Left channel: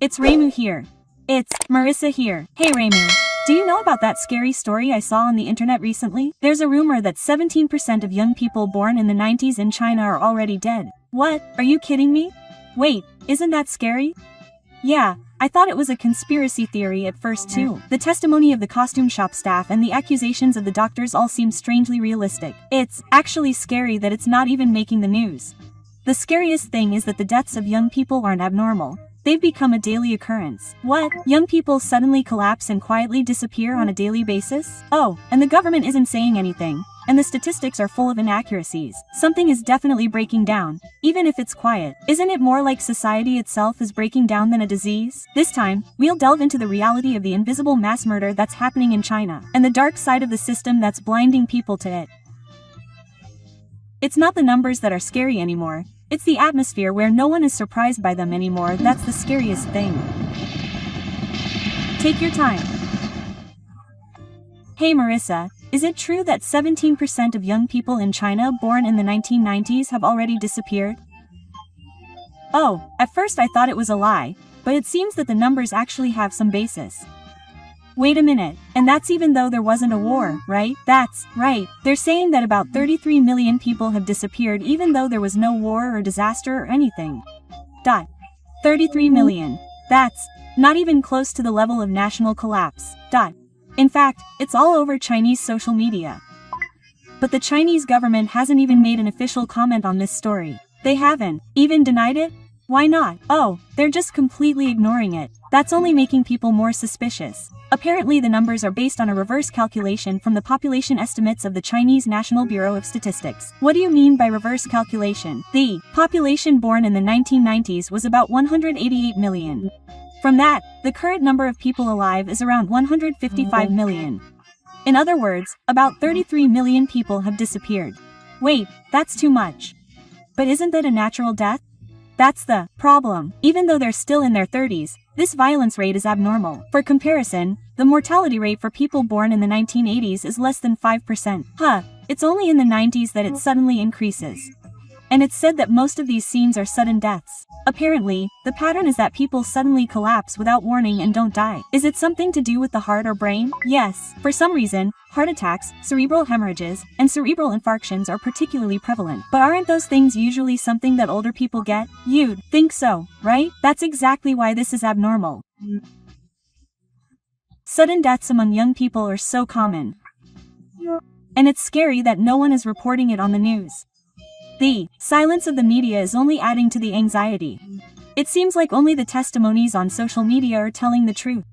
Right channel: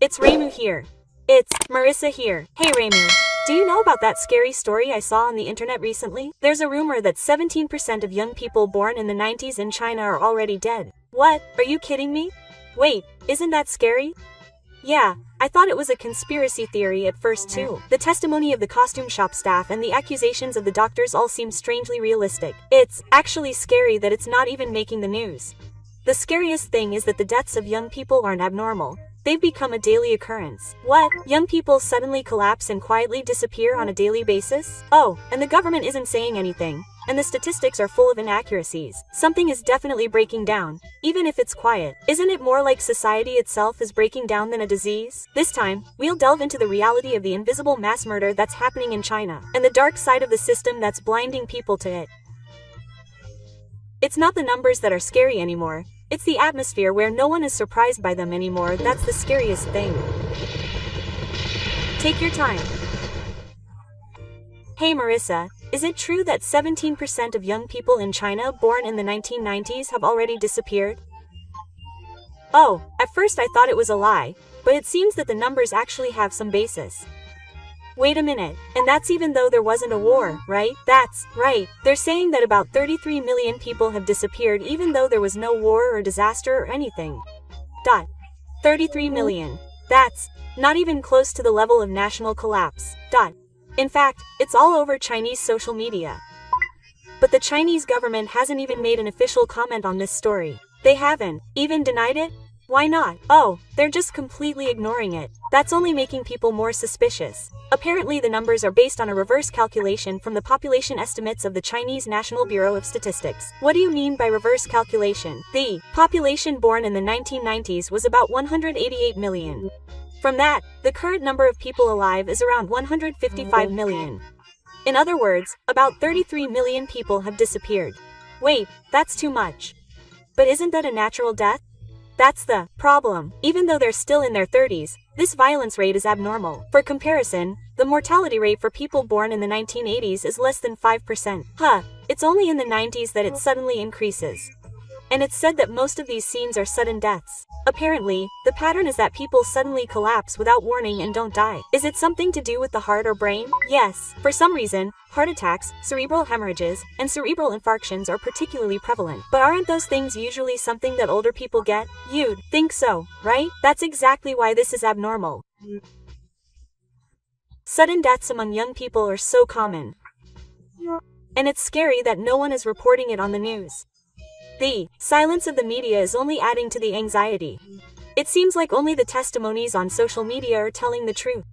It's Raymu here. It's Marissa here. Hey Raymu. Do you know about that scary story I saw on the internet recently? There's a rumor that 17% of young people born in the 90s in China are already dead. What? Are you kidding me? Wait, isn't that scary? Yeah, I thought it was a conspiracy theory at first too. The testimony of the costume shop staff and the accusations of the doctors all seem strangely realistic. It's actually scary that it's not even making the news. The scariest thing is that the deaths of young people aren't abnormal. They've become a daily occurrence. What? Young people suddenly collapse and quietly disappear on a daily basis? Oh, and the government isn't saying anything. And the statistics are full of inaccuracies. Something is definitely breaking down, even if it's quiet. Isn't it more like society itself is breaking down than a disease? This time, we'll delve into the reality of the invisible mass murder that's happening in China, and the dark side of the system that's blinding people to it. It's not the numbers that are scary anymore. It's the atmosphere where no one is surprised by them anymore that's the scariest thing. Take your time. Hey Marissa, is it true that 17% of young people in China born in the 1990s have already disappeared? Oh, at first I thought it was a lie, but it seems that the numbers actually have some basis. Wait a minute, and that's even though there wasn't a war, right? That's right, they're saying that about 33 million people have disappeared even though there was no war or disaster or anything. 33 million. That's not even close to the level of national collapse. In fact, it's all over Chinese social media. But the Chinese government hasn't even made an official comment on this story. They haven't even denied it? Why not? Oh, they're just completely ignoring it. That's only making people more suspicious. Apparently the numbers are based on a reverse calculation from the population estimates of the Chinese National Bureau of Statistics. What do you mean by reverse calculation? The population born in the 1990s was about 188 million. From that, the current number of people alive is around 155 million. In other words, about 33 million people have disappeared. Wait, that's too much. But isn't that a natural death? That's the problem. Even though they're still in their 30s, this violence rate is abnormal. For comparison, the mortality rate for people born in the 1980s is less than 5%. It's only in the 90s that it suddenly increases. And it's said that most of these scenes are sudden deaths. Apparently, the pattern is that people suddenly collapse without warning and don't die. Is it something to do with the heart or brain? Yes. For some reason, heart attacks, cerebral hemorrhages, and cerebral infarctions are particularly prevalent. But aren't those things usually something that older people get? You'd think so, right? That's exactly why this is abnormal. Sudden deaths among young people are so common. And it's scary that no one is reporting it on the news. The silence of the media is only adding to the anxiety. It seems like only the testimonies on social media are telling the truth.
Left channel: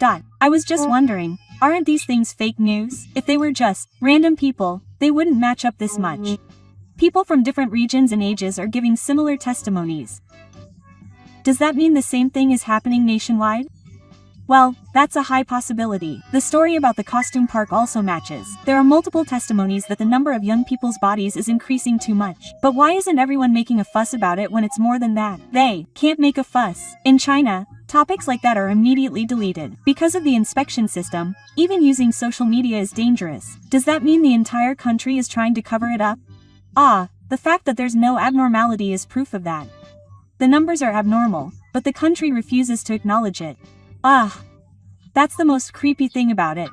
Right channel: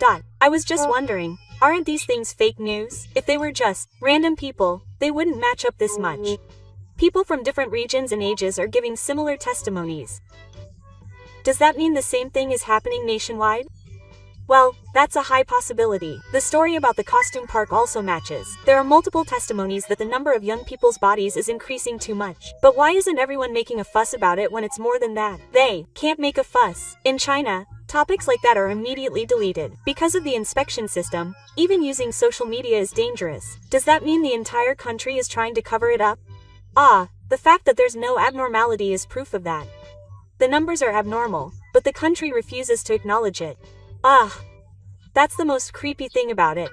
I was just wondering, aren't these things fake news? If they were just random people, they wouldn't match up this much. People from different regions and ages are giving similar testimonies. Does that mean the same thing is happening nationwide? Well, that's a high possibility. The story about the costume park also matches. There are multiple testimonies that the number of young people's bodies is increasing too much. But why isn't everyone making a fuss about it when it's more than that? They can't make a fuss. In China, topics like that are immediately deleted. Because of the inspection system, even using social media is dangerous. Does that mean the entire country is trying to cover it up? The fact that there's no abnormality is proof of that. The numbers are abnormal, but the country refuses to acknowledge it. That's the most creepy thing about it.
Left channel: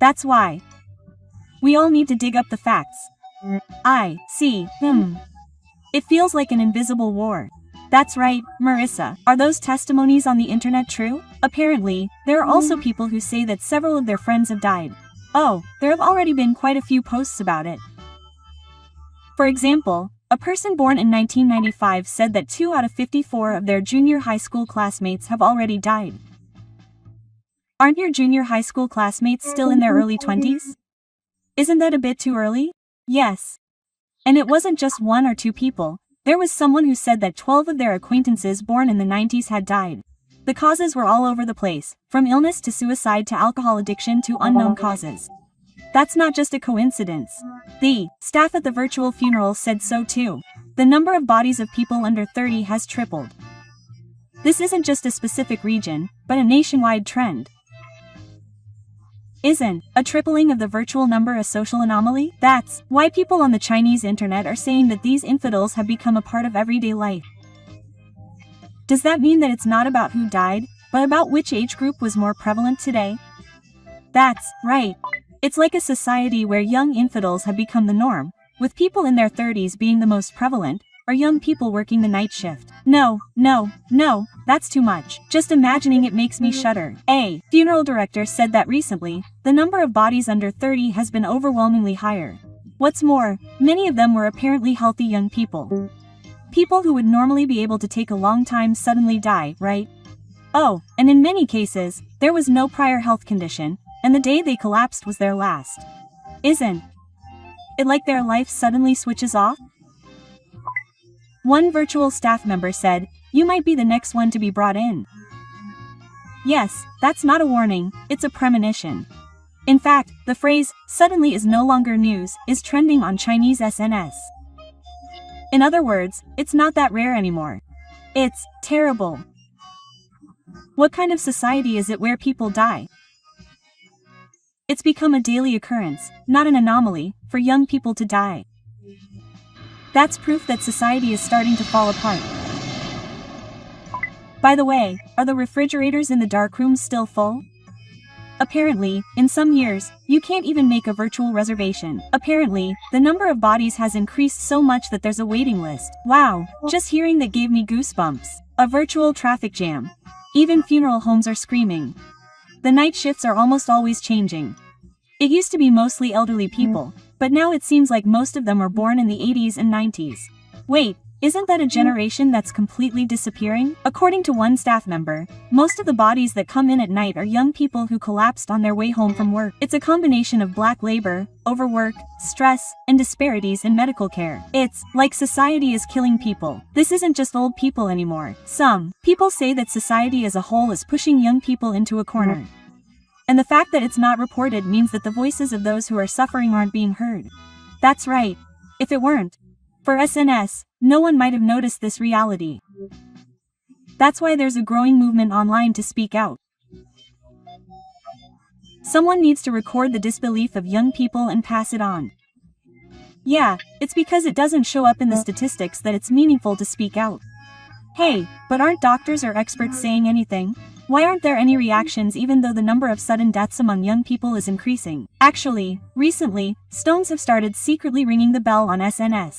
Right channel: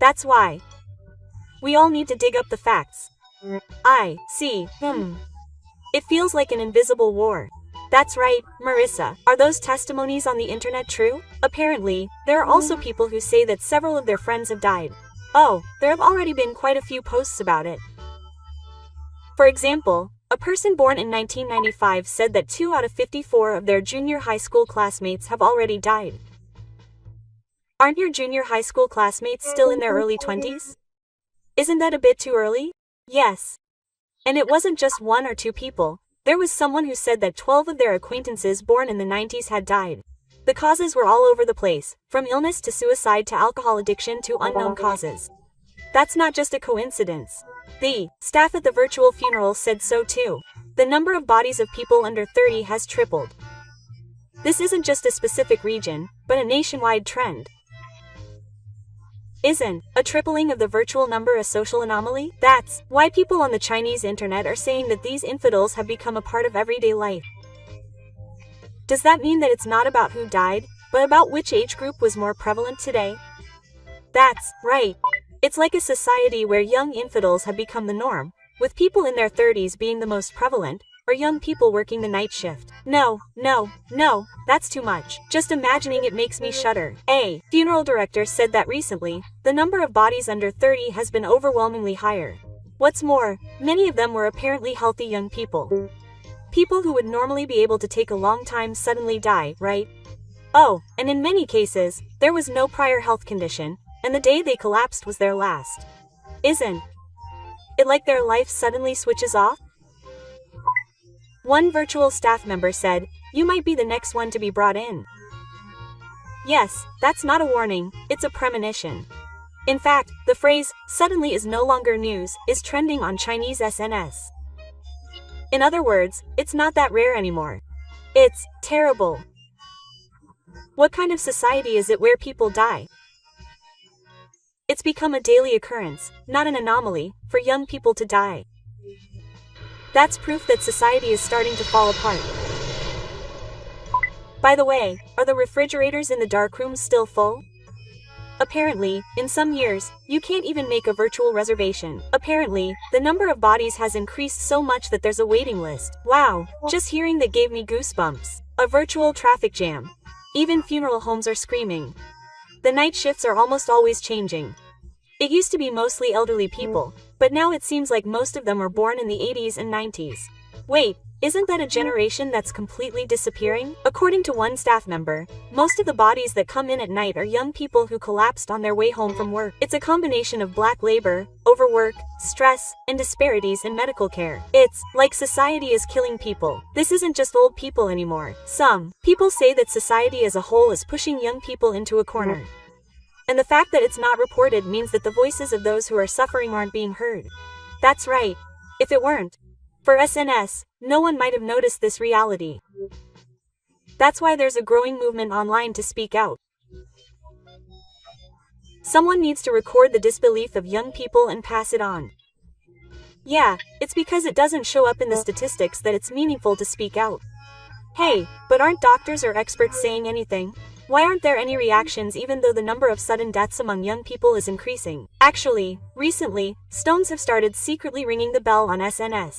That's why we all need to dig up the facts. I see. It feels like an invisible war. That's right, Marissa. Are those testimonies on the internet true? Apparently, there are also people who say that several of their friends have died. There have already been quite a few posts about it. For example, a person born in 1995 said that 2 out of 54 of their junior high school classmates have already died. Aren't your junior high school classmates still in their early 20s? Isn't that a bit too early? Yes. And it wasn't just 1 or 2 people. There was someone who said that 12 of their acquaintances born in the 90s had died. The causes were all over the place, from illness to suicide to alcohol addiction to unknown causes. That's not just a coincidence. The staff at the virtual funeral said so too. The number of bodies of people under 30 has tripled. This isn't just a specific region, but a nationwide trend. Isn't a tripling of the virtual number a social anomaly? That's why people on the Chinese internet are saying that these infidels have become a part of everyday life. Does that mean that it's not about who died, but about which age group was more prevalent today? That's right. It's like a society where young infidels have become the norm, with people in their 30s being the most prevalent, or young people working the night shift. No, that's too much. Just imagining it makes me shudder. A funeral director said that recently, the number of bodies under 30 has been overwhelmingly higher. What's more, many of them were apparently healthy young people. People who would normally be able to take a long time suddenly die, right? Oh, and in many cases, there was no prior health condition, and the day they collapsed was their last. Isn't it like their life suddenly switches off? One virtual staff member said, "You might be the next one to be brought in." Yes, that's not a warning, it's a premonition. In fact, the phrase, "suddenly is no longer news," is trending on Chinese SNS. In other words, it's not that rare anymore. It's terrible. What kind of society is it where people die? It's become a daily occurrence, not an anomaly, for young people to die. That's proof that society is starting to fall apart. By the way, are the refrigerators in the dark rooms still full? Apparently, in some years, you can't even make a virtual reservation. Apparently, the number of bodies has increased so much that there's a waiting list. Wow, just hearing that gave me goosebumps. A virtual traffic jam. Even funeral homes are screaming. The night shifts are almost always changing. It used to be mostly elderly people, but now it seems like most of them were born in the 80s and 90s. Wait, isn't that a generation that's completely disappearing? According to one staff member, most of the bodies that come in at night are young people who collapsed on their way home from work. It's a combination of black labor, overwork, stress, and disparities in medical care. It's like society is killing people. This isn't just old people anymore. Some people say that society as a whole is pushing young people into a corner. And the fact that it's not reported means that the voices of those who are suffering aren't being heard. That's right. If it weren't for SNS, no one might have noticed this reality. That's why there's a growing movement online to speak out. Someone needs to record the disbelief of young people and pass it on. Yeah, it's because it doesn't show up in the statistics that it's meaningful to speak out. Hey, but aren't doctors or experts saying anything? Why aren't there any reactions even though the number of sudden deaths among young people is increasing? Actually, recently, Stones have started secretly ringing the bell on SNS.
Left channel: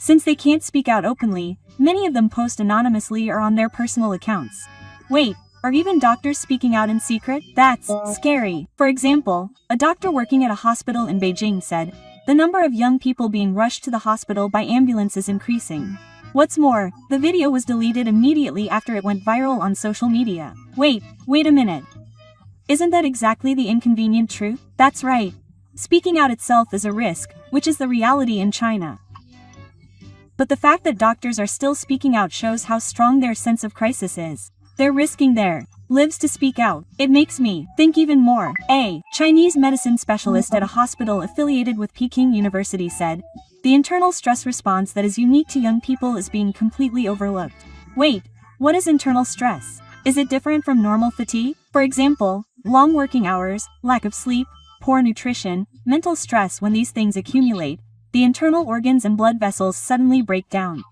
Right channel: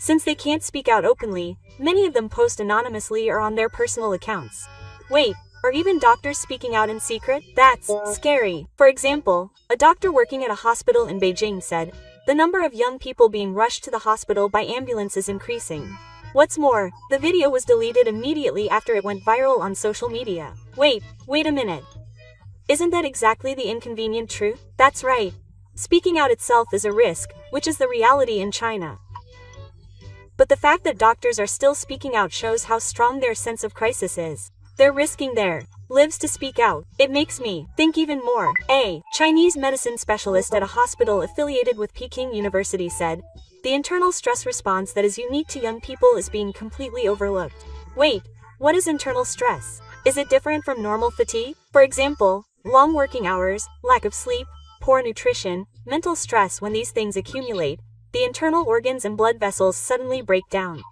Since they can't speak out openly, many of them post anonymously or on their personal accounts. Wait, are even doctors speaking out in secret? That's scary. For example, a doctor working at a hospital in Beijing said, "The number of young people being rushed to the hospital by ambulance is increasing." What's more, the video was deleted immediately after it went viral on social media. Wait a minute. Isn't that exactly the inconvenient truth? That's right. Speaking out itself is a risk, which is the reality in China. But the fact that doctors are still speaking out shows how strong their sense of crisis is. They're risking their lives to speak out. It makes me think even more. A Chinese medicine specialist at a hospital affiliated with Peking University said, "The internal stress response that is unique to young people is being completely overlooked." Wait, what is internal stress? Is it different from normal fatigue? For example, long working hours, lack of sleep, poor nutrition, mental stress. When these things accumulate, the internal organs and blood vessels suddenly break down.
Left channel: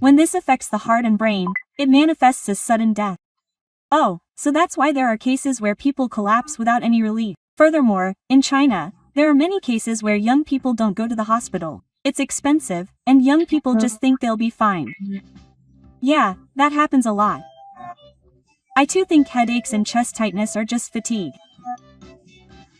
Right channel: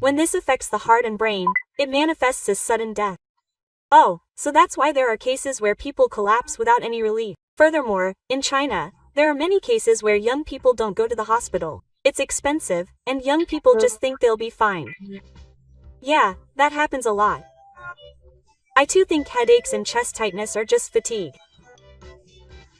When this affects the heart and brain, it manifests as sudden death. Oh, so that's why there are cases where people collapse without any relief. Furthermore, in China, there are many cases where young people don't go to the hospital. It's expensive, and young people just think they'll be fine. Yeah, that happens a lot. I too think headaches and chest tightness are just fatigue.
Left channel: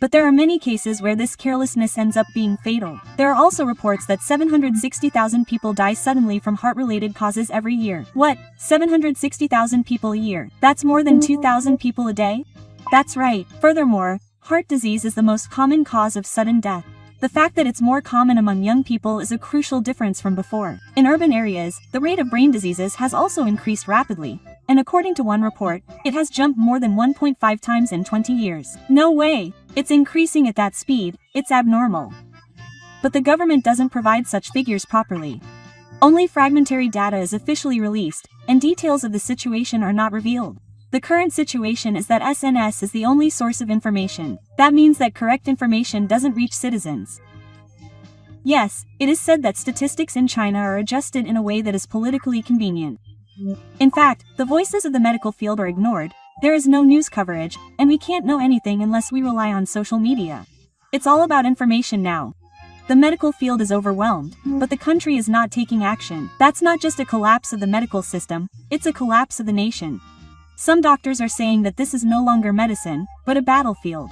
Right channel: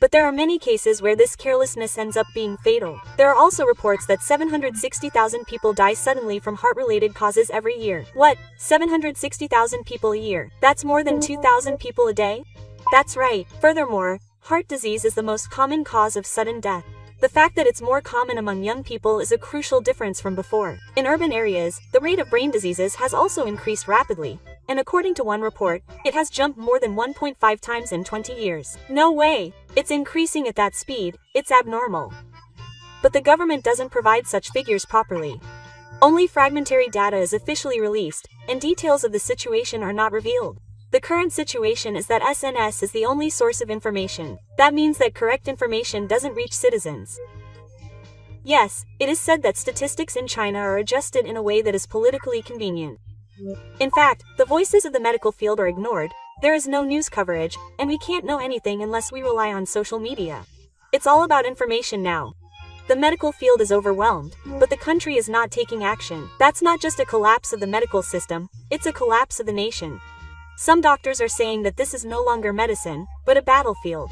But there are many cases where this carelessness ends up being fatal. There are also reports that 760,000 people die suddenly from heart-related causes every year. What? 760,000 people a year? That's more than 2,000 people a day? That's right. Furthermore, heart disease is the most common cause of sudden death. The fact that it's more common among young people is a crucial difference from before. In urban areas, the rate of brain diseases has also increased rapidly, and according to one report, it has jumped more than 1.5 times in 20 years. No way! It's increasing at that speed, it's abnormal. But the government doesn't provide such figures properly. Only fragmentary data is officially released, and details of the situation are not revealed. The current situation is that SNS is the only source of information. That means that correct information doesn't reach citizens. Yes, it is said that statistics in China are adjusted in a way that is politically convenient. In fact, the voices of the medical field are ignored, there is no news coverage, and we can't know anything unless we rely on social media. It's all about information now. The medical field is overwhelmed, but the country is not taking action. That's not just a collapse of the medical system, it's a collapse of the nation. Some doctors are saying that this is no longer medicine, but a battlefield.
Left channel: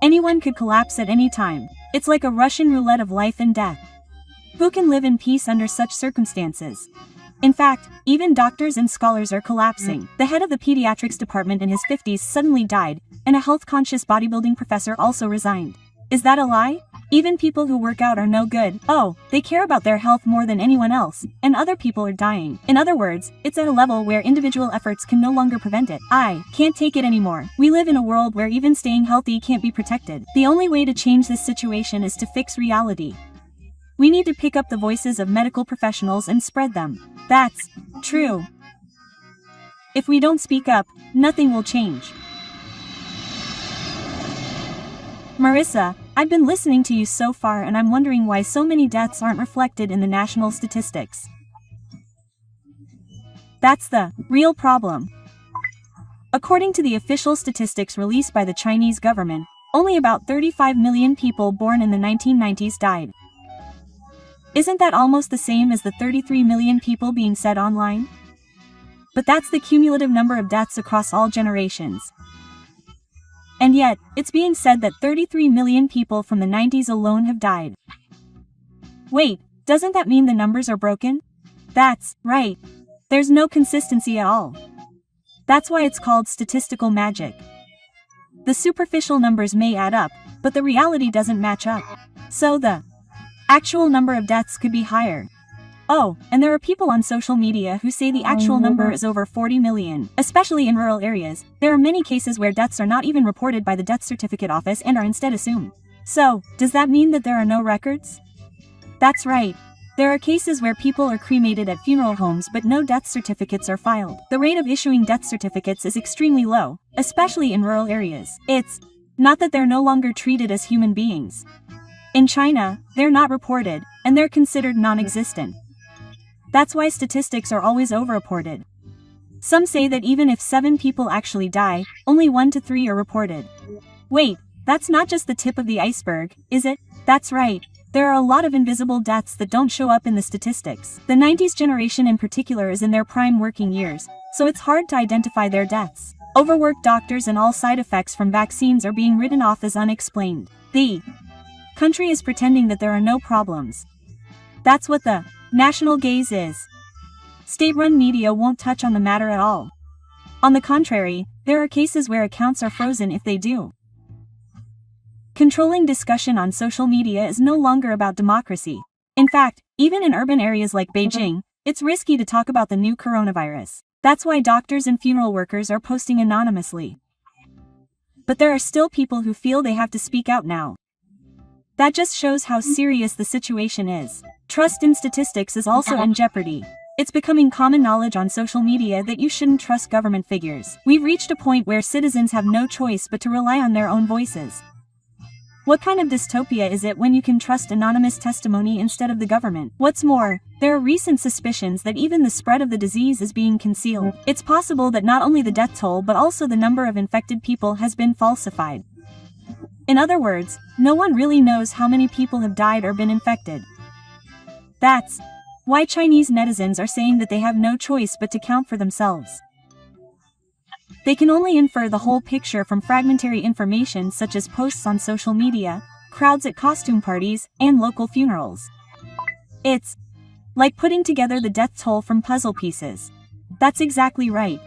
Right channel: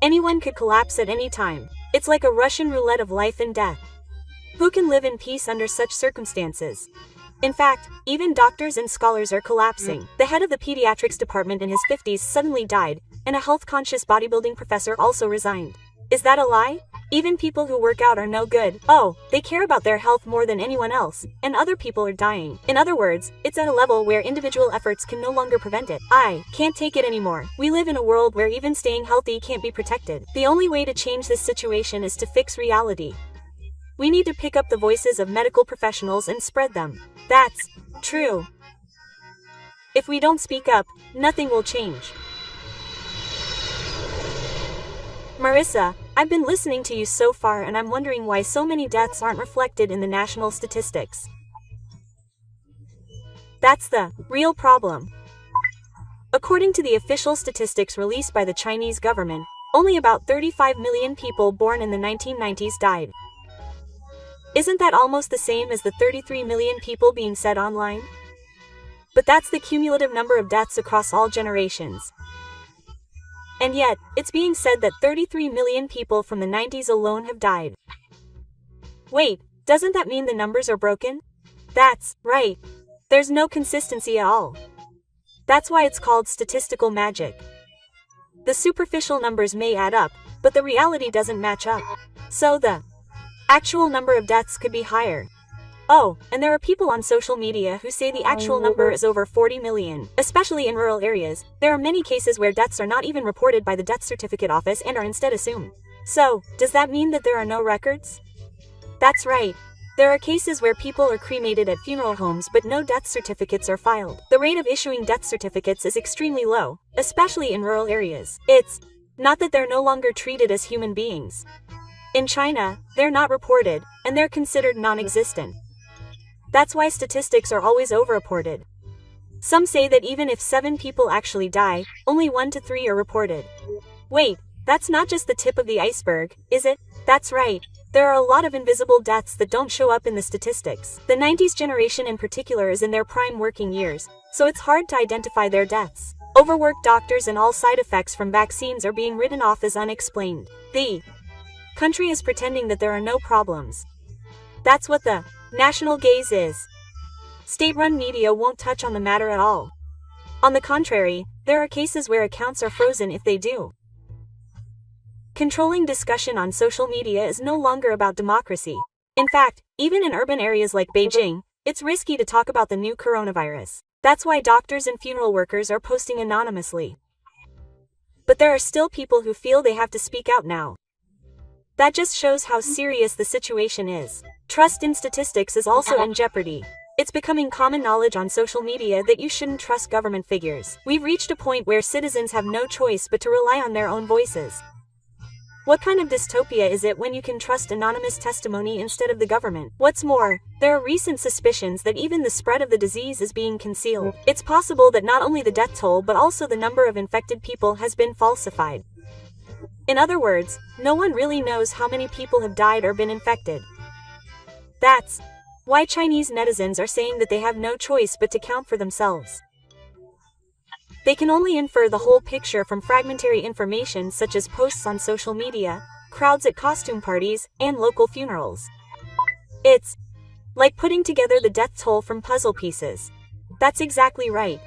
Anyone could collapse at any time. It's like a Russian roulette of life and death. Who can live in peace under such circumstances? In fact, even doctors and scholars are collapsing. The head of the pediatrics department in his 50s suddenly died, and a health-conscious bodybuilding professor also resigned. Is that a lie? Even people who work out are no good. Oh, they care about their health more than anyone else, and other people are dying. In other words, it's at a level where individual efforts can no longer prevent it. I can't take it anymore. We live in a world where even staying healthy can't be protected. The only way to change this situation is to fix reality. We need to pick up the voices of medical professionals and spread them. That's true. If we don't speak up, nothing will change. Marissa, I've been listening to you so far and I'm wondering why so many deaths aren't reflected in the national statistics. That's the real problem. According to the official statistics released by the Chinese government, only about 35 million people born in the 1990s died. Isn't that almost the same as the 33 million people being said online? But that's the cumulative number of deaths across all generations. And yet, it's being said that 33 million people from the 90s alone have died. Wait, doesn't that mean the numbers are broken? That's right. There's no consistency at all. That's why it's called statistical magic. The superficial numbers may add up, but the reality doesn't match up. So the actual number of deaths could be higher. Oh, and there are people on social media who say the actual number is over 40 million. Especially in rural areas, there are many cases where deaths are not even reported by the death certificate office and are instead assumed. So, does that mean that there are no records? That's right. There are cases where people are cremated at funeral homes but no death certificates are filed. The rate of issuing death certificates is extremely low, especially in rural areas. It's not that they're no longer treated as human beings. In China, they're not reported, and they're considered non-existent. That's why statistics are always overreported. Some say that even if 7 people actually die, only 1 to 3 are reported. Wait, that's not just the tip of the iceberg, is it? That's right. There are a lot of invisible deaths that don't show up in the statistics. The 90s generation in particular is in their prime working years, so it's hard to identify their deaths. Overworked doctors and all side effects from vaccines are being written off as unexplained. The country is pretending that there are no problems. That's what the national gaze is. State-run media won't touch on the matter at all. On the contrary, there are cases where accounts are frozen if they do. Controlling discussion on social media is no longer about democracy. In fact, even in urban areas like Beijing, it's risky to talk about the new coronavirus. That's why doctors and funeral workers are posting anonymously. But there are still people who feel they have to speak out now. That just shows how serious the situation is. Trust in statistics is also in jeopardy. It's becoming common knowledge on social media that you shouldn't trust government figures. We've reached a point where citizens have no choice but to rely on their own voices. What kind of dystopia is it when you can trust anonymous testimony instead of the government? What's more, there are recent suspicions that even the spread of the disease is being concealed. It's possible that not only the death toll but also the number of infected people has been falsified. In other words, no one really knows how many people have died or been infected. That's why Chinese netizens are saying that they have no choice but to count for themselves. They can only infer the whole picture from fragmentary information such as posts on social media, crowds at costume parties, and local funerals. It's like putting together the death toll from puzzle pieces. That's exactly right.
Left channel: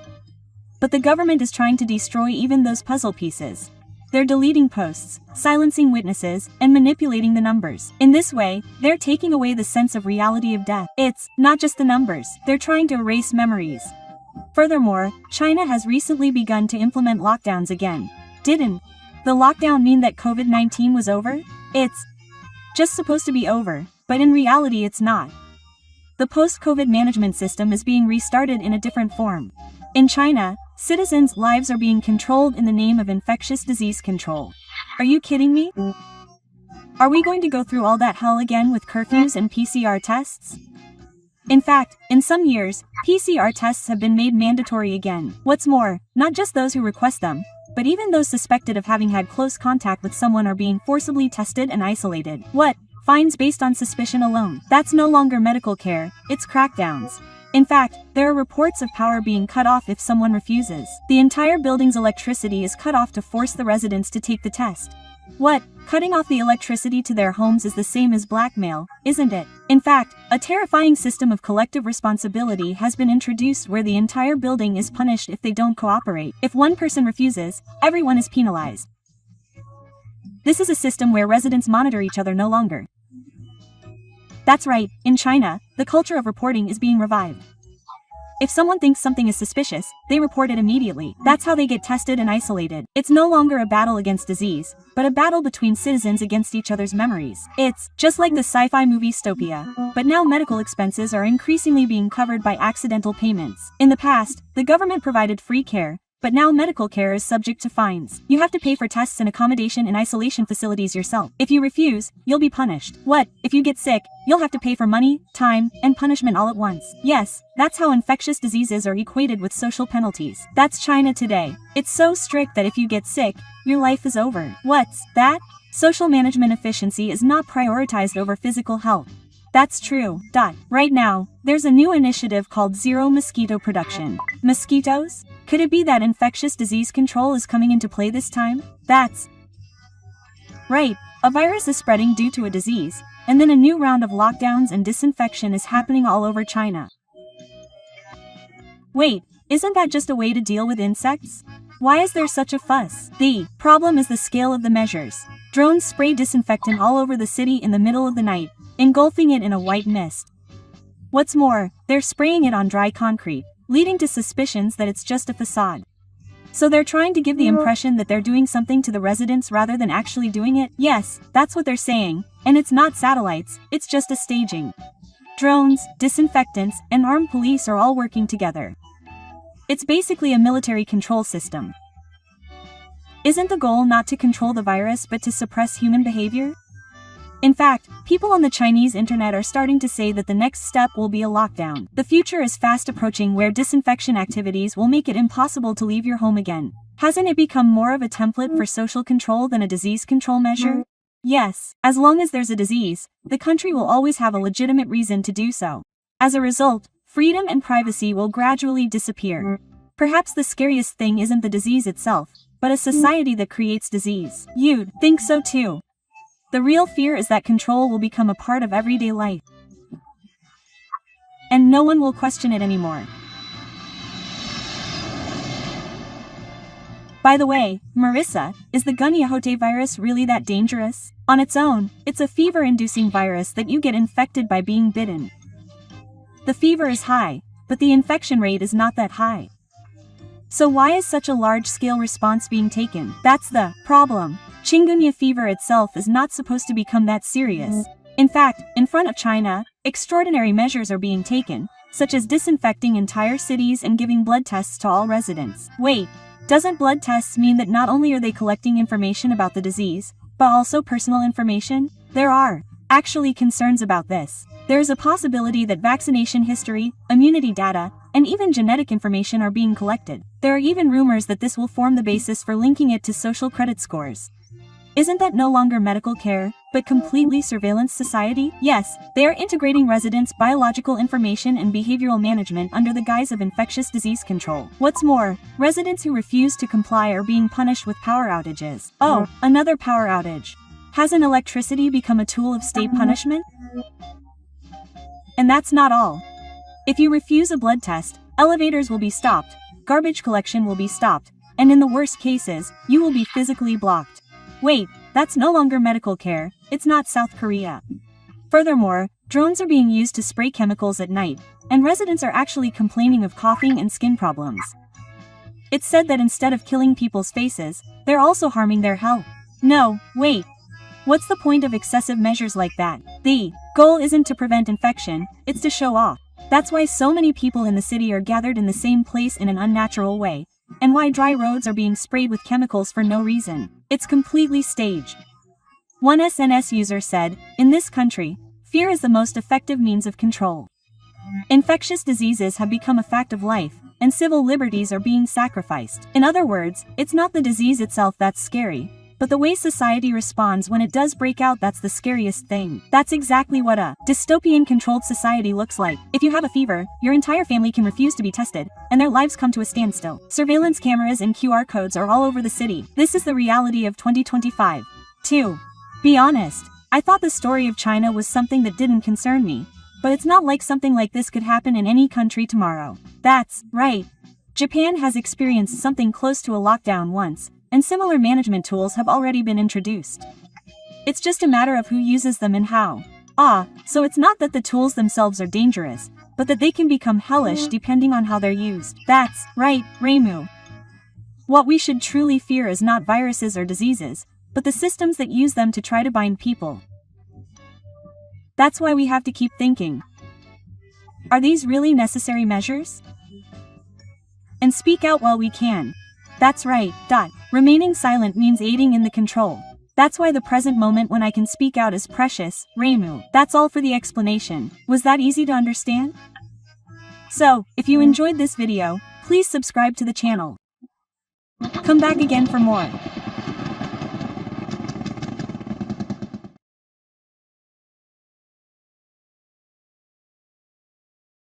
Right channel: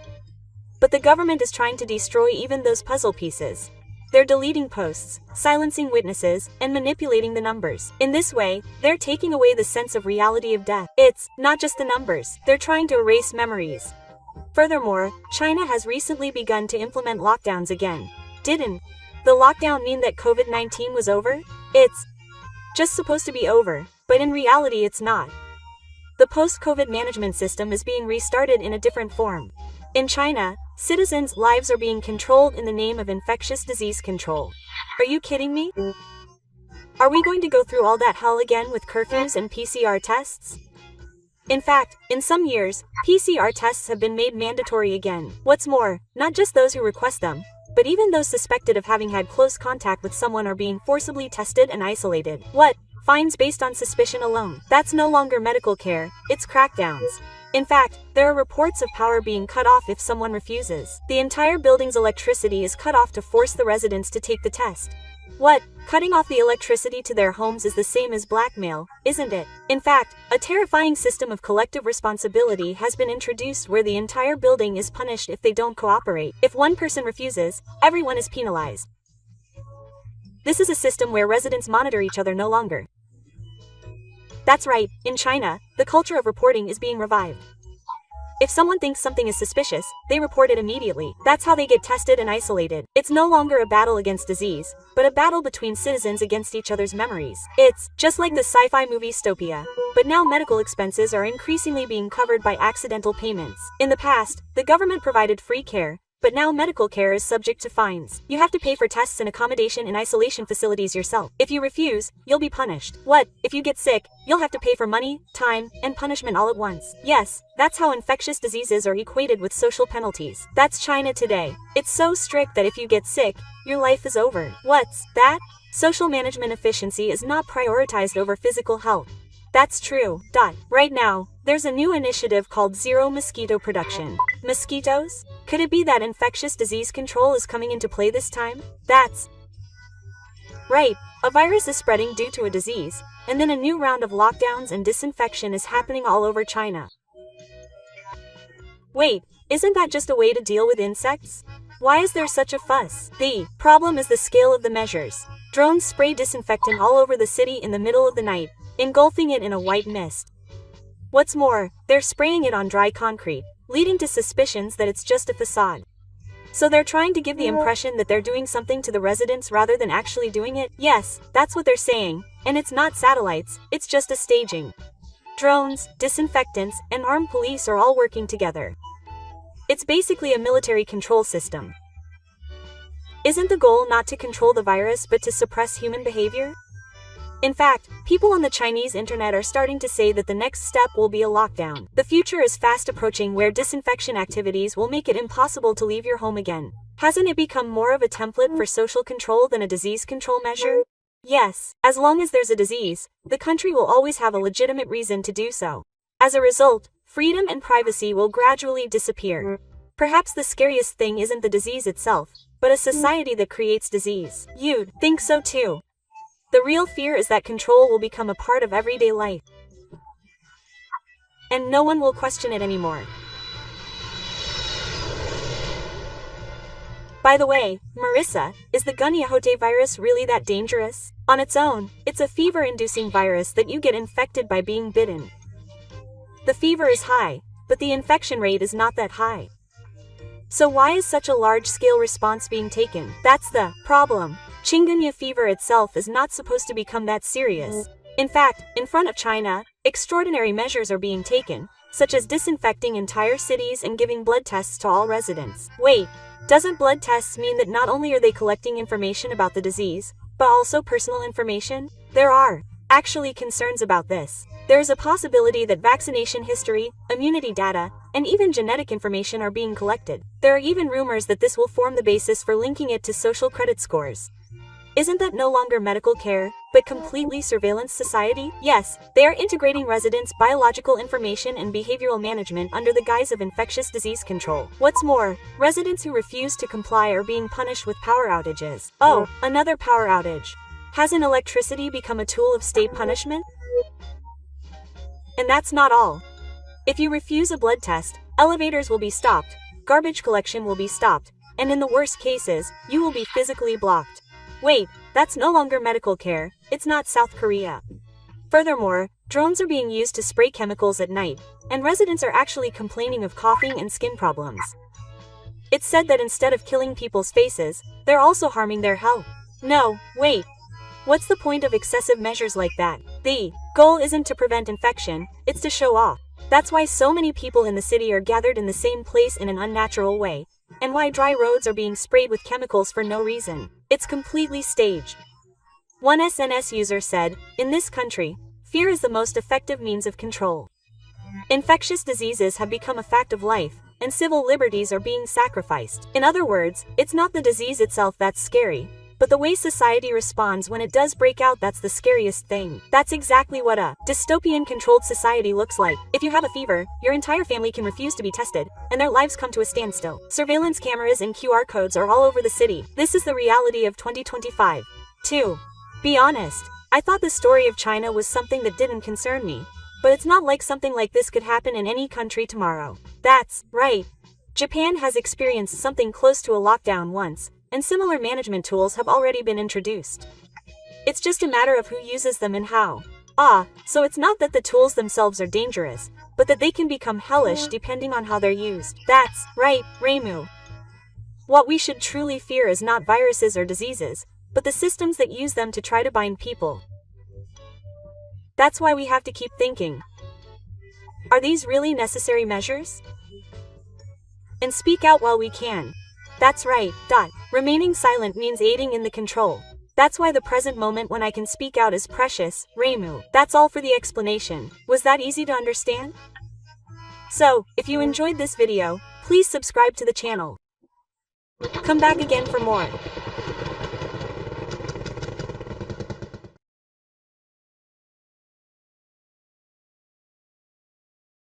But the government is trying to destroy even those puzzle pieces. They're deleting posts, silencing witnesses, and manipulating the numbers. In this way, they're taking away the sense of reality of death. It's not just the numbers, they're trying to erase memories. Furthermore, China has recently begun to implement lockdowns again. Didn't the lockdown mean that COVID-19 was over? It's just supposed to be over, but in reality it's not. The post-COVID management system is being restarted in a different form. In China, citizens' lives are being controlled in the name of infectious disease control. Are you kidding me? Are we going to go through all that hell again with curfews and PCR tests? In fact, in some years, PCR tests have been made mandatory again. What's more, not just those who request them, but even those suspected of having had close contact with someone are being forcibly tested and isolated. What? Fines based on suspicion alone. That's no longer medical care, it's crackdowns. In fact, there are reports of power being cut off if someone refuses. The entire building's electricity is cut off to force the residents to take the test. What? Cutting off the electricity to their homes is the same as blackmail, isn't it? In fact, a terrifying system of collective responsibility has been introduced where the entire building is punished if they don't cooperate. If one person refuses, everyone is penalized. This is a system where residents monitor each other no longer. That's right, in China, the culture of reporting is being revived. If someone thinks something is suspicious, they report it immediately. That's how they get tested and isolated. It's no longer a battle against disease, but a battle between citizens against each other's memories. It's just like the sci-fi movie Stopia. But now medical expenses are increasingly being covered by accidental payments. In the past, the government provided free care, but now medical care is subject to fines. You have to pay for tests and accommodation in isolation facilities yourself. If you refuse, you'll be punished. What? If you get sick, you'll have to pay for money, time, and punishment all at once. Yes, that's how infectious diseases are equated with social penalties. That's China today. It's so strict that if you get sick, your life is over. What's that? Social management efficiency is not prioritized over physical health. That's true. Right now, there's a new initiative called Zero Mosquito Production. Mosquitoes? Could it be that infectious disease control is coming into play this time? That's right. A virus is spreading due to a disease, and then a new round of lockdowns and disinfection is happening all over China. Wait, isn't that just a way to deal with insects? Why is there such a fuss? The problem is the scale of the measures. Drones spray disinfectant all over the city in the middle of the night, engulfing it in a white mist. What's more, they're spraying it on dry concrete, leading to suspicions that it's just a facade. So they're trying to give the impression that they're doing something to the residents rather than actually doing it? Yes, that's what they're saying, and it's not satellites, it's just a staging. Drones, disinfectants, and armed police are all working together. It's basically a military control system. Isn't the goal not to control the virus but to suppress human behavior? In fact, people on the Chinese internet are starting to say that the next step will be a lockdown. The future is fast approaching where disinfection activities will make it impossible to leave your home again. Hasn't it become more of a template for social control than a disease control measure? Yes, as long as there's a disease, the country will always have a legitimate reason to do so. As a result, freedom and privacy will gradually disappear. Perhaps the scariest thing isn't the disease itself, but a society that creates disease. You'd think so too. The real fear is that control will become a part of everyday life. And no one will question it anymore. By the way, Marissa, is the Gunyahotei virus really that dangerous? On its own, it's a fever-inducing virus that you get infected by being bitten. The fever is high, but the infection rate is not that high. So why is such a large-scale response being taken? That's the problem. Chikungunya fever itself is not supposed to become that serious. In fact, in front of China, extraordinary measures are being taken, such as disinfecting entire cities and giving blood tests to all residents. Wait, doesn't blood tests mean that not only are they collecting information about the disease, but also personal information? There are actually concerns about this. There is a possibility that vaccination history, immunity data, and even genetic information are being collected. There are even rumors that this will form the basis for linking it to social credit scores. Isn't that no longer medical care, but completely surveillance society? Yes, they are integrating residents' biological information and behavioral management under the guise of infectious disease control. What's more, residents who refuse to comply are being punished with power outages. Oh, another power outage. Hasn't electricity become a tool of state punishment? And that's not all. If you refuse a blood test, elevators will be stopped, garbage collection will be stopped, and in the worst cases, you will be physically blocked. Wait, that's no longer medical care, it's not South Korea. Furthermore, drones are being used to spray chemicals at night, and residents are actually complaining of coughing and skin problems. It's said that instead of killing people's faces, they're also harming their health. No, wait. What's the point of excessive measures like that? The goal isn't to prevent infection, it's to show off. That's why so many people in the city are gathered in the same place in an unnatural way, and why dry roads are being sprayed with chemicals for no reason. It's completely staged. One SNS user said, "In this country, fear is the most effective means of control." Infectious diseases have become a fact of life, and civil liberties are being sacrificed. In other words, it's not the disease itself that's scary, but the way society responds when it does break out that's the scariest thing. That's exactly what a dystopian controlled society looks like. If you have a fever, your entire family can refuse to be tested, and their lives come to a standstill. Surveillance cameras and QR codes are all over the city. This is the reality of 2025. 2. Be honest. I thought the story of China was something that didn't concern me. But it's not like something like this could happen in any country tomorrow. That's right. Japan has experienced something close to a lockdown once, and similar management tools have already been introduced. It's just a matter of who uses them and how. So it's not that the tools themselves are dangerous, but that they can become hellish depending on how they're used. That's right, Reimu. What we should truly fear is not viruses or diseases, but the systems that use them to try to bind people. That's why we have to keep thinking. Are these really necessary measures? And speak out while we can. That's right. Remaining silent means aiding in the control. That's why the present moment when I can speak out is precious, Reimu. That's all for the explanation. Was that easy to understand? So, if you enjoyed this video, please subscribe to the channel. Come back again for more.